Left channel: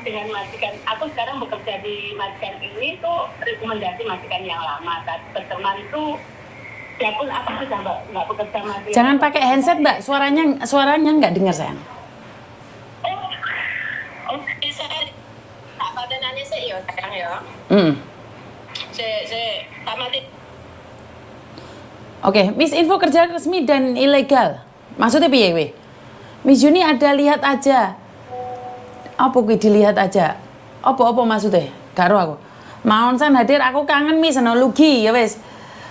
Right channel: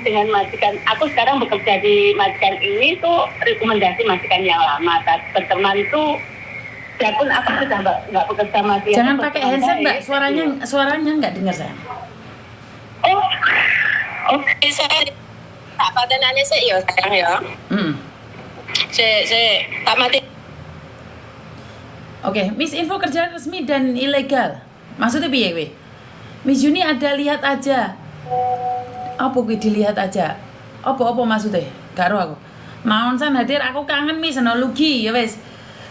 dengan majikan. Aku sekarang bekerja di majikan ini tuh rekomendasi majikan yang lama. Berteman itu, walaupun aku sudah nggak bekerja sama dia. Jangan pakai headset, Mbak. Suaranya nggak dengar saya. Oh, oke, saya tak patenannya sih ya sayang ya. Saya tak mati. Oke, Miss info kerja resmi dan ilegal. Maksudnya piye kowe? Miss Juni ada lihat aja. Apa kuwi dilihat aja? Apa maksudnya? Karo aku. Maun san hadir aku kangen Miss ana Lugi ya wis.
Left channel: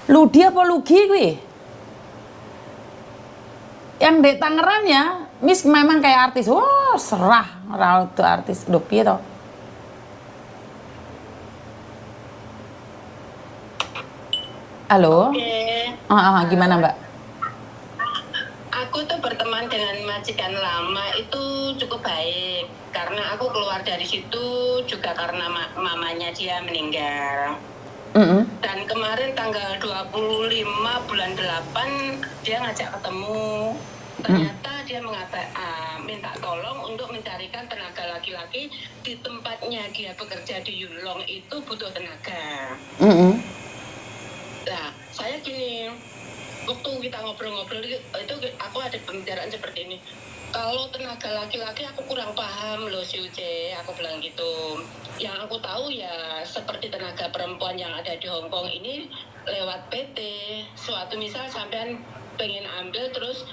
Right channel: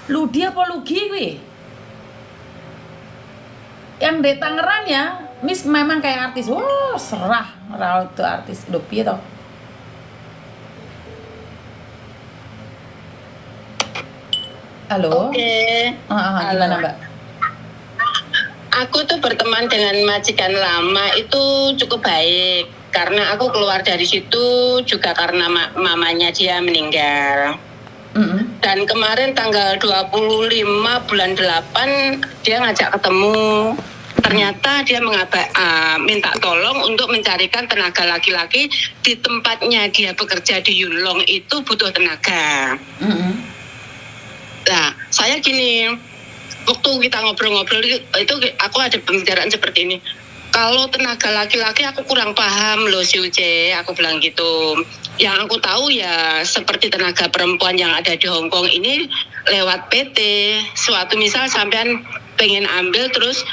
Ludi apa Lugi kuwi? Yang di Tangerang ya, Miss memang kayak artis. Wah, serah ora itu artis. Lho piye to? Halo? Oke. Gimana Mbak? Aku tuh berteman dengan majikan lama itu cukup baik. Karena aku keluar dari situ juga karena mamanya dia meninggal. Dan kemarin tanggal 25 bulan 8 dia ngajak ketemu. Ternyata dia minta tolong untuk mencarikan tenaga laki-laki di tempatnya dia bekerja di Yulong itu butuh tenaga. Nah, saya gini, waktu kita ngobrol-ngobrol itu aku ada pembicaraan seperti ini. Kalau tenaga laki-laki aku kurang paham loh si Uce, aku bilang gitu. Yang aku tahu ya seperti tenaga perempuan yang ada di Hong Kong ini lewat PT. Suatu misal sampean pengen ambil terus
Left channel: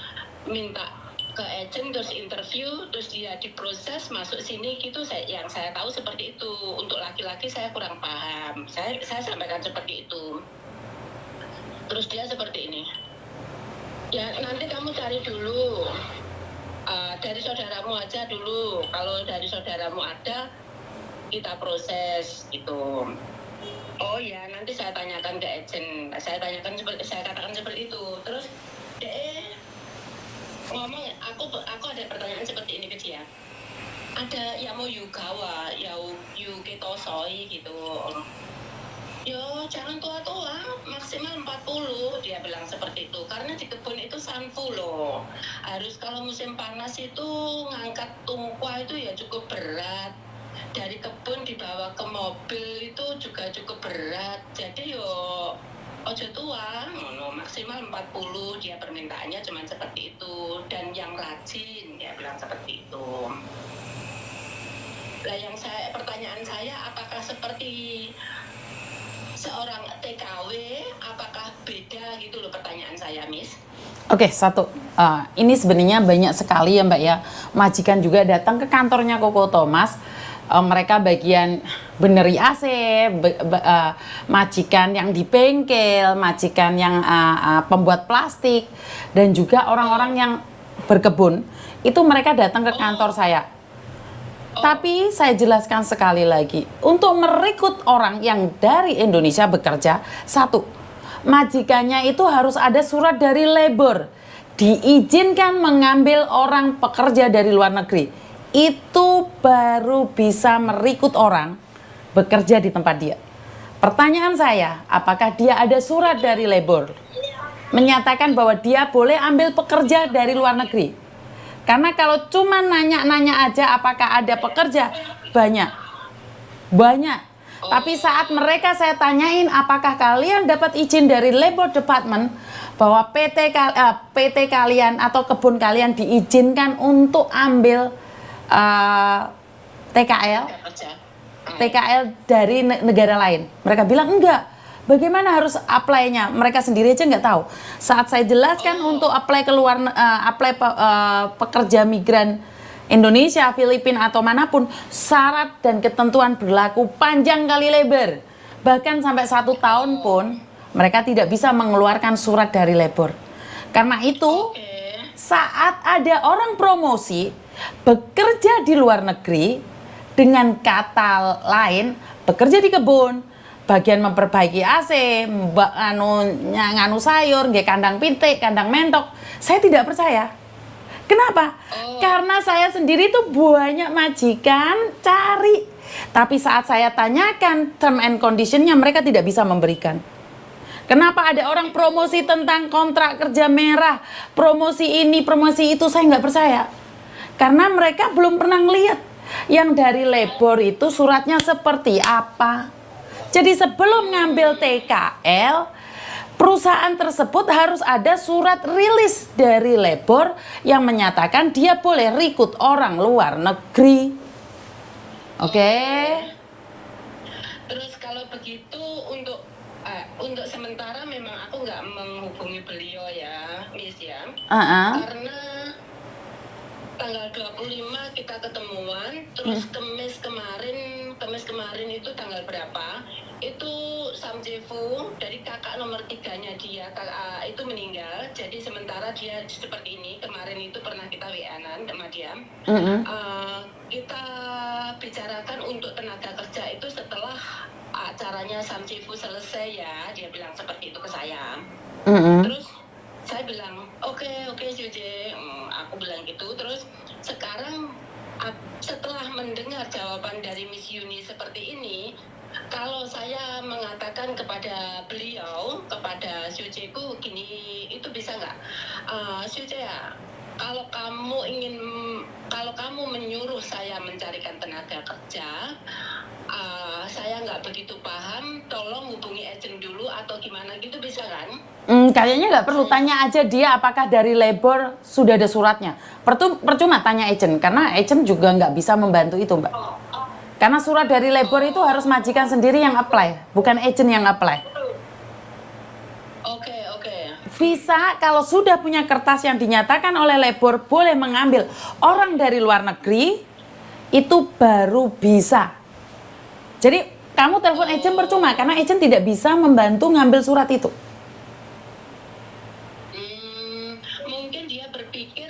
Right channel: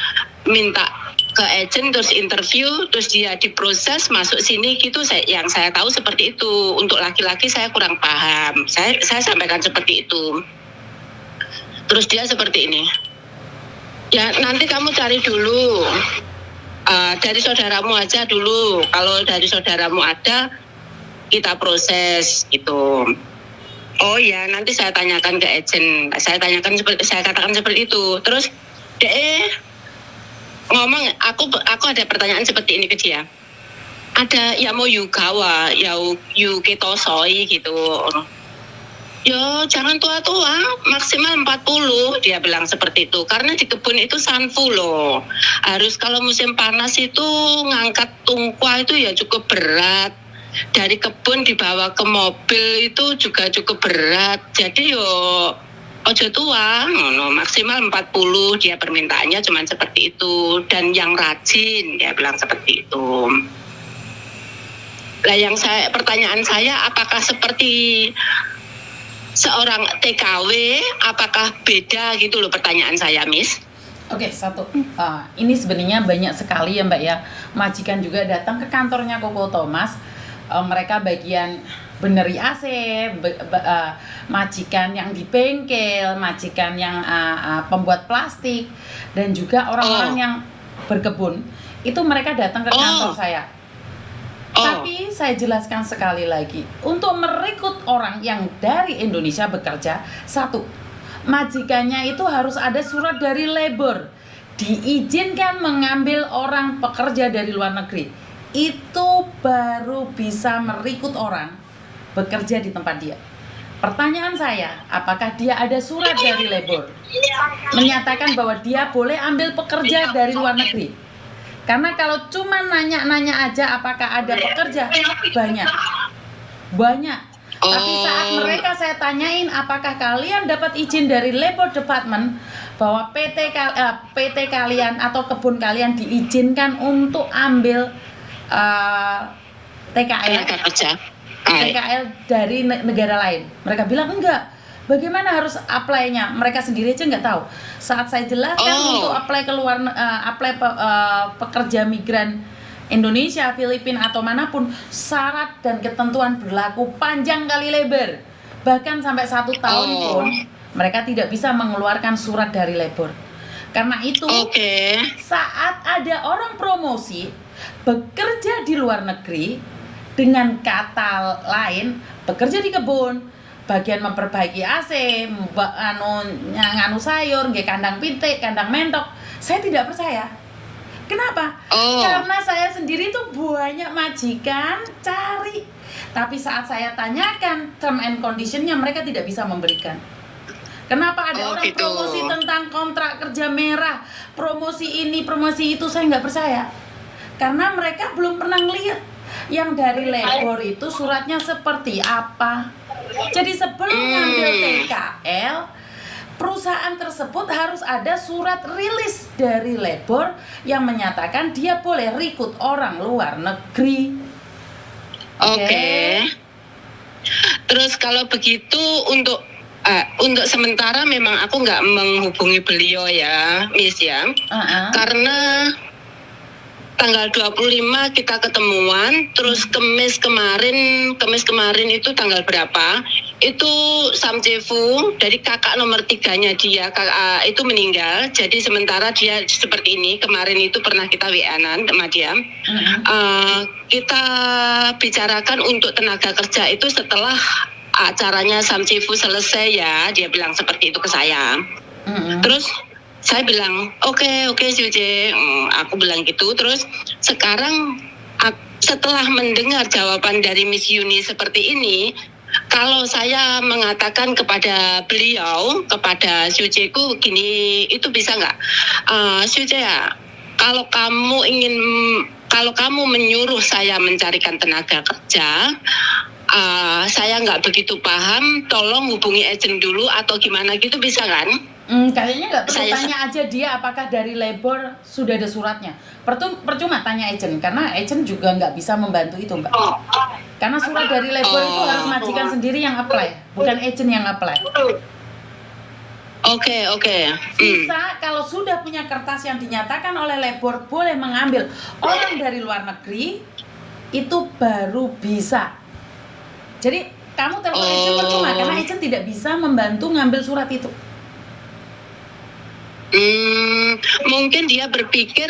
minta ke agent terus interview terus dia diproses masuk sini gitu. Yang saya tahu seperti itu. Untuk laki-laki saya kurang paham. Saya sampaikan seperti itu. Terus dia seperti ini. Ya nanti kamu cari dulu. Dari saudaramu aja dulu. Kalau dari saudaramu ada, kita proses gitu. Oh ya, nanti saya tanyakan ke agent. Saya katakan seperti itu. Terus dia ngomong, aku ada pertanyaan seperti ini ke dia. Ada ya mau yugawa, ya ketosoi gitu. Yo, jangan tua-tua, maksimal 40, dia bilang seperti itu. Karena di kebun itu sanfu loh. Harus kalau musim panas itu ngangkat tungkwa itu ya cukup berat. Dari kebun dibawa ke mobil itu juga cukup berat. Jadi yo ojo tua, maksimal 40, dia permintaannya cuma seperti itu. Dan yang rajin, dia bilang seperti itu. Lah pertanyaan saya, apakah seperti seorang TKW, apakah beda gitu loh pertanyaan saya, Miss? Oke, satu. Ini sebenarnya banyak sekali ya Mbak ya. Majikan juga datang ke kantornya Koko Thomas. Mereka bagian beneri AC, majikan yang di bengkel, majikan yang pembuat plastik, dan juga orang-orang yang berkebun. Itu mereka datang ke kantor saya. Tapi saya jelaskan sekali lagi, untuk merekrut orang yang dari Indonesia bekerja, satu, majikannya itu harus ada surat dari labor, diizinkan mengambil orang pekerja dari luar negeri. Itu baru bisa merekrut orang bekerja di tempat dia. Pertanyaan saya, apakah dia ada surat dari labor menyatakan bahwa dia boleh ambil pekerja dari luar negeri? Karena kalau cuma nanya-nanya aja apakah ada pekerja, banyak. Tapi saat mereka saya tanyain apakah kalian dapat izin dari Labor Department bahwa PT kalian atau kebun kalian diizinkan untuk ambil TKL dari negara lain. Mereka bilang enggak. Bagaimana harus apply-nya? Mereka sendiri aja nggak tahu. Saat saya jelaskan untuk apply pekerja migran Indonesia, Filipina atau manapun, syarat dan ketentuan berlaku panjang kali lebar. Bahkan sampai 1 tahun pun mereka tidak bisa mengeluarkan surat dari labor. Karena itu, saat ada orang promosi bekerja di luar negeri dengan kata lain bekerja di kebun, bagian memperbaiki AC, nganu sayur, nggih kandang pitik, kandang mentok. Saya tidak percaya. Kenapa? Karena saya sendiri tuh banyak majikan cari. Tapi saat saya tanyakan term and condition-nya, mereka tidak bisa memberikan. Kenapa ada orang promosi tentang kontrak kerja merah, promosi ini, promosi itu, saya nggak percaya. Karena mereka belum pernah ngelihat Yang dari labor itu suratnya seperti apa? Jadi sebelum ngambil TKL, perusahaan tersebut harus ada surat rilis dari labor yang menyatakan dia boleh rekrut orang luar negeri. Oke. Terus kalau begitu untuk sementara memang aku nggak menghubungi beliau ya, Miss ya. Karena tanggal 25 kita ketemuan, terus Kemis kemarin itu tanggal berapa? Itu Samcefu dari kakak nomor 3-nya dia, itu meninggal. Jadi sementara dia seperti ini. Kemarin itu pernah kita WA-an sama dia. Kita bicarakan untuk tenaga kerja itu setelah acaranya Samcefu selesai ya. Dia bilang seperti itu ke saya. Terus saya bilang, oke, Suje, aku bilang gitu. Terus sekarang setelah mendengar jawaban dari Miss Yuni seperti ini, kalau saya mengatakan kepada beliau, kepada Sujeku gini, itu bisa nggak? Suje ya, kalau kamu menyuruh saya mencarikan tenaga kerja, saya nggak begitu paham, tolong hubungi agent dulu atau gimana gitu, bisa kan? Kayaknya nggak perlu, tanya aja dia apakah dari labor sudah ada suratnya. Percuma tanya agent, karena agent juga nggak bisa membantu itu, Mbak. Karena surat dari labor itu harus majikan sendiri yang apply, bukan agent yang apply. Oke. Visa kalau sudah punya kertas yang dinyatakan oleh labor boleh mengambil orang dari luar negeri, itu baru bisa. Jadi kamu telepon agent percuma, karena agent tidak bisa membantu ngambil surat itu. Mungkin dia berpikir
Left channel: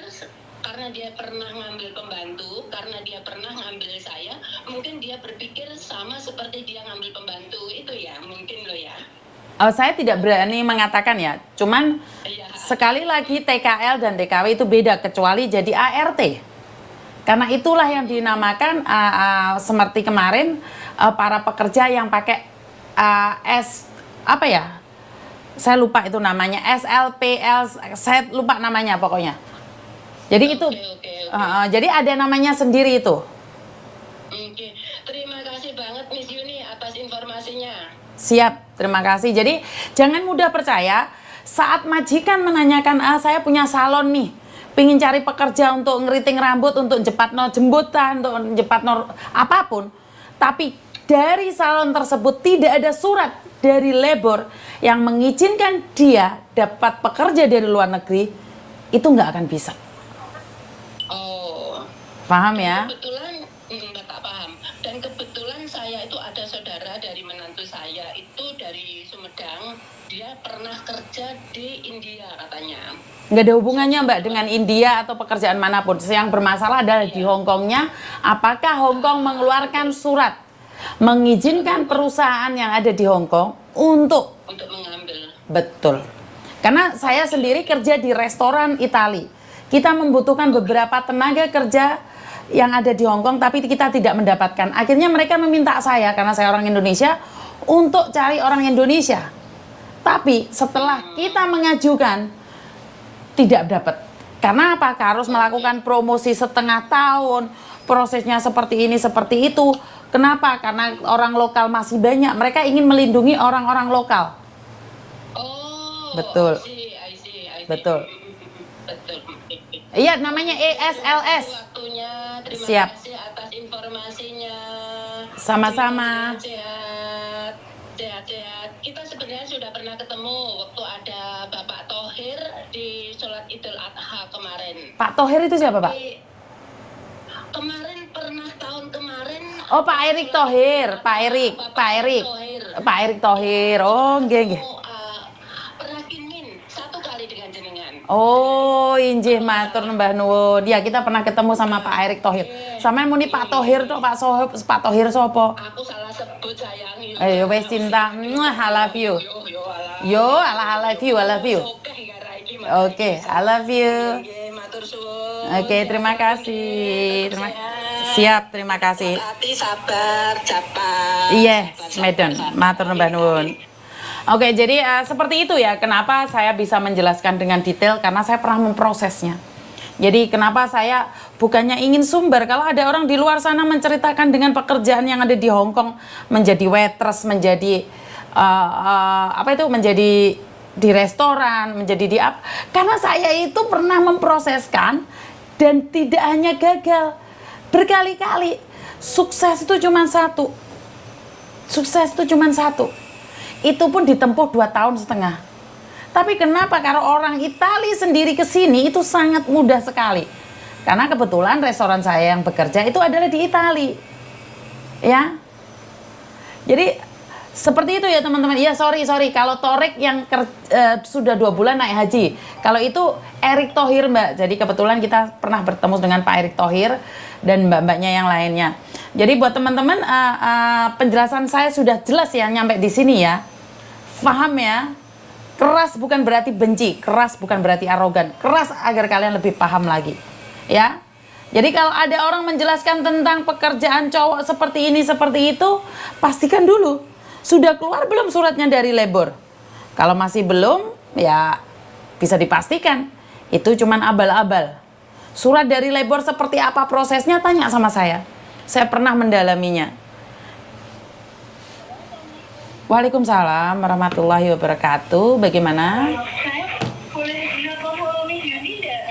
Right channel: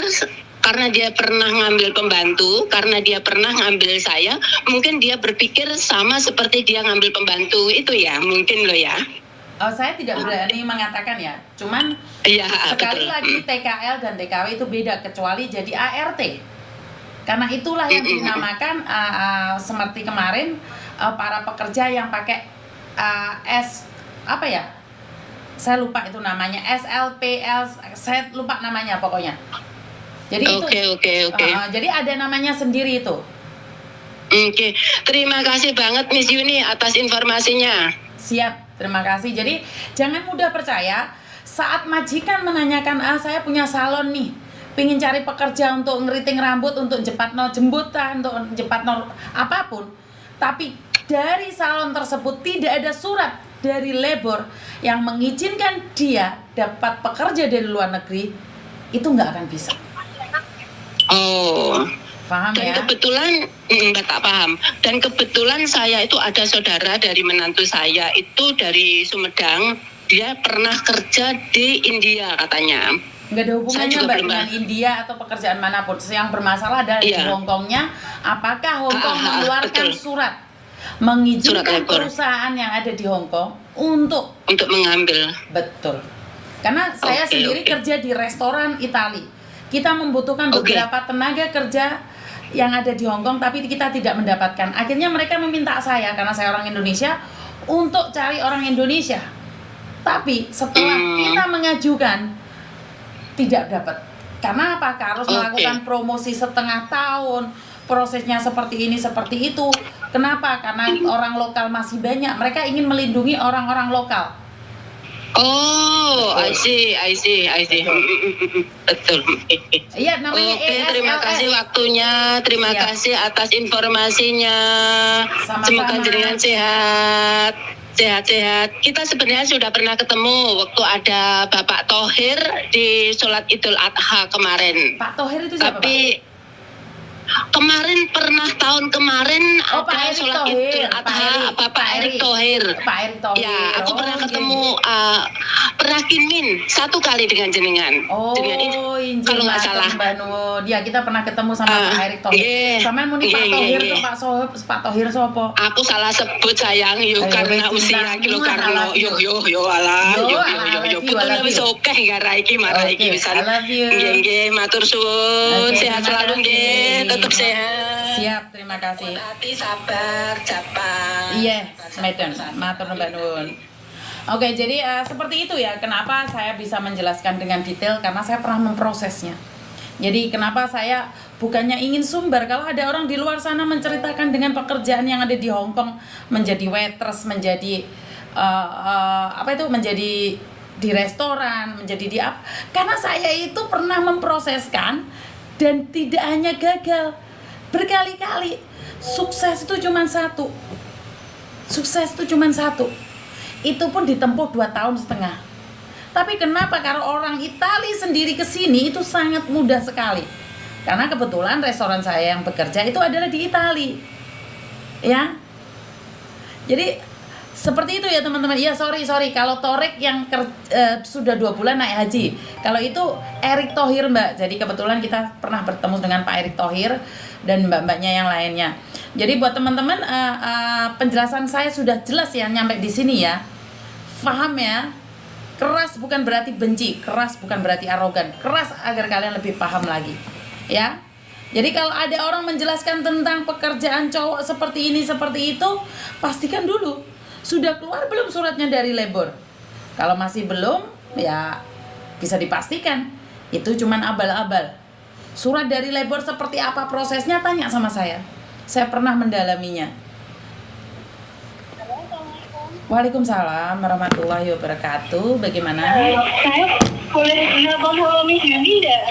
karena dia pernah ngambil pembantu, karena dia pernah ngambil saya, mungkin dia berpikir sama seperti dia ngambil pembantu itu ya, mungkin loh ya. Saya tidak berani mengatakan ya, cuman sekali lagi TKL dan TKW itu beda, kecuali jadi ART. Karena itulah yang dinamakan seperti kemarin para pekerja yang pakai apa ya? Saya lupa itu namanya, SLPL, saya lupa namanya pokoknya. Jadi Oke. Jadi ada namanya sendiri itu. Oke, terima kasih banget Miss Yuni atas informasinya. Siap, terima kasih. Jadi jangan mudah percaya saat majikan menanyakan, saya punya salon nih, pingin cari pekerja untuk ngeriting rambut, untuk jepatno jembutan, untuk jepatno apapun, tapi dari salon tersebut tidak ada surat dari labor yang mengizinkan dia dapat pekerja dari luar negeri, itu nggak akan bisa. Paham ya? Kebetulan tak paham. Dan kebetulan saya itu ada saudara dari menantu saya itu dari Sumedang, dia pernah kerja di India katanya. Nggak ada hubungannya Mbak dengan India atau pekerjaan manapun. Yang bermasalah adalah di Hongkongnya, apakah Hongkong mengeluarkan surat mengizinkan perusahaan yang ada di Hongkong untuk mengambil. Betul. Karena saya sendiri kerja di restoran Itali. Kita membutuhkan beberapa tenaga kerja yang ada di Hongkong, tapi kita tidak mendapatkan. Akhirnya mereka meminta saya, karena saya orang Indonesia, untuk cari orang Indonesia. Tapi setelah kita mengajukan, tidak dapat. Karena apa? Harus melakukan promosi setengah tahun, prosesnya seperti ini, seperti itu. Kenapa? Karena orang lokal masih banyak. Mereka ingin melindungi orang-orang lokal. I see. Betul. Iya, namanya ESLS. Terima kasih waktunya, terima kasih atas informasinya. Sama-sama. Semoga jenengan sehat. Kita sebenarnya sudah pernah ketemu waktu ada Bapak Thohir di sholat Idul Adha kemarin. Pak Thohir itu siapa, Pak? Kemarin pernah tahun kemarin Pak Erick Thohir, Pak Erick Thohir. Aku pernah ketemu pernah kinmin satu kali dengan jenengan. Injil matur Mbah Nuwun. Ya, kita pernah ketemu sama Pak Erick Thohir. Sama muni Pak Thohir tuh Pak Thohir sapa? Aku salah sebut sayang, karena usia yo I love you. Oke, gara iki marah iki bisa. I love you. Nggih, matur suwun. Terima kasih. Tetap sehat. Siap, terima kasih. Hati sabar, Japa. Iya, Medon. Matur nuwun nuwun. Oke, jadi seperti itu ya. Kenapa saya bisa menjelaskan dengan detail? Karena saya pernah memprosesnya. Jadi kenapa saya bukannya ingin sumber. Kalau ada orang di luar sana menceritakan dengan pekerjaan yang ada di Hong Kong, menjadi waitress, menjadi menjadi di restoran, menjadi di apa? Karena saya itu pernah memproseskan dan tidak hanya gagal, berkali-kali. Sukses itu cuma satu. Sukses itu cuma satu. Itu pun ditempuh 2,5 tahun. Tapi kenapa kalau orang Italia sendiri ke sini itu sangat mudah sekali? Karena kebetulan restoran saya yang bekerja itu adalah di Italia. Ya. Jadi seperti itu ya teman-teman. Ya sorry kalau Torik yang sudah 2 bulan naik haji. Kalau itu Erick Thohir Mbak. Jadi kebetulan kita pernah bertemu dengan Pak Erick Thohir dan mbak-mbaknya yang lainnya. Jadi buat teman-teman penjelasan saya sudah jelas ya nyampe di sini ya. Paham ya? Keras bukan berarti benci, keras bukan berarti arogan. Keras agar kalian lebih paham lagi. Ya. Jadi kalau ada orang menjelaskan tentang pekerjaan cowok seperti ini, seperti itu, pastikan dulu sudah keluar belum suratnya dari labor. Kalau masih belum, ya bisa dipastikan itu cuman abal-abal. Surat dari labor seperti apa prosesnya, tanya sama saya. Saya pernah mendalaminya. Waalaikumsalam warahmatullahi wabarakatuh. Bagaimana? Saya boleh nelpon Holomi Juni enggak?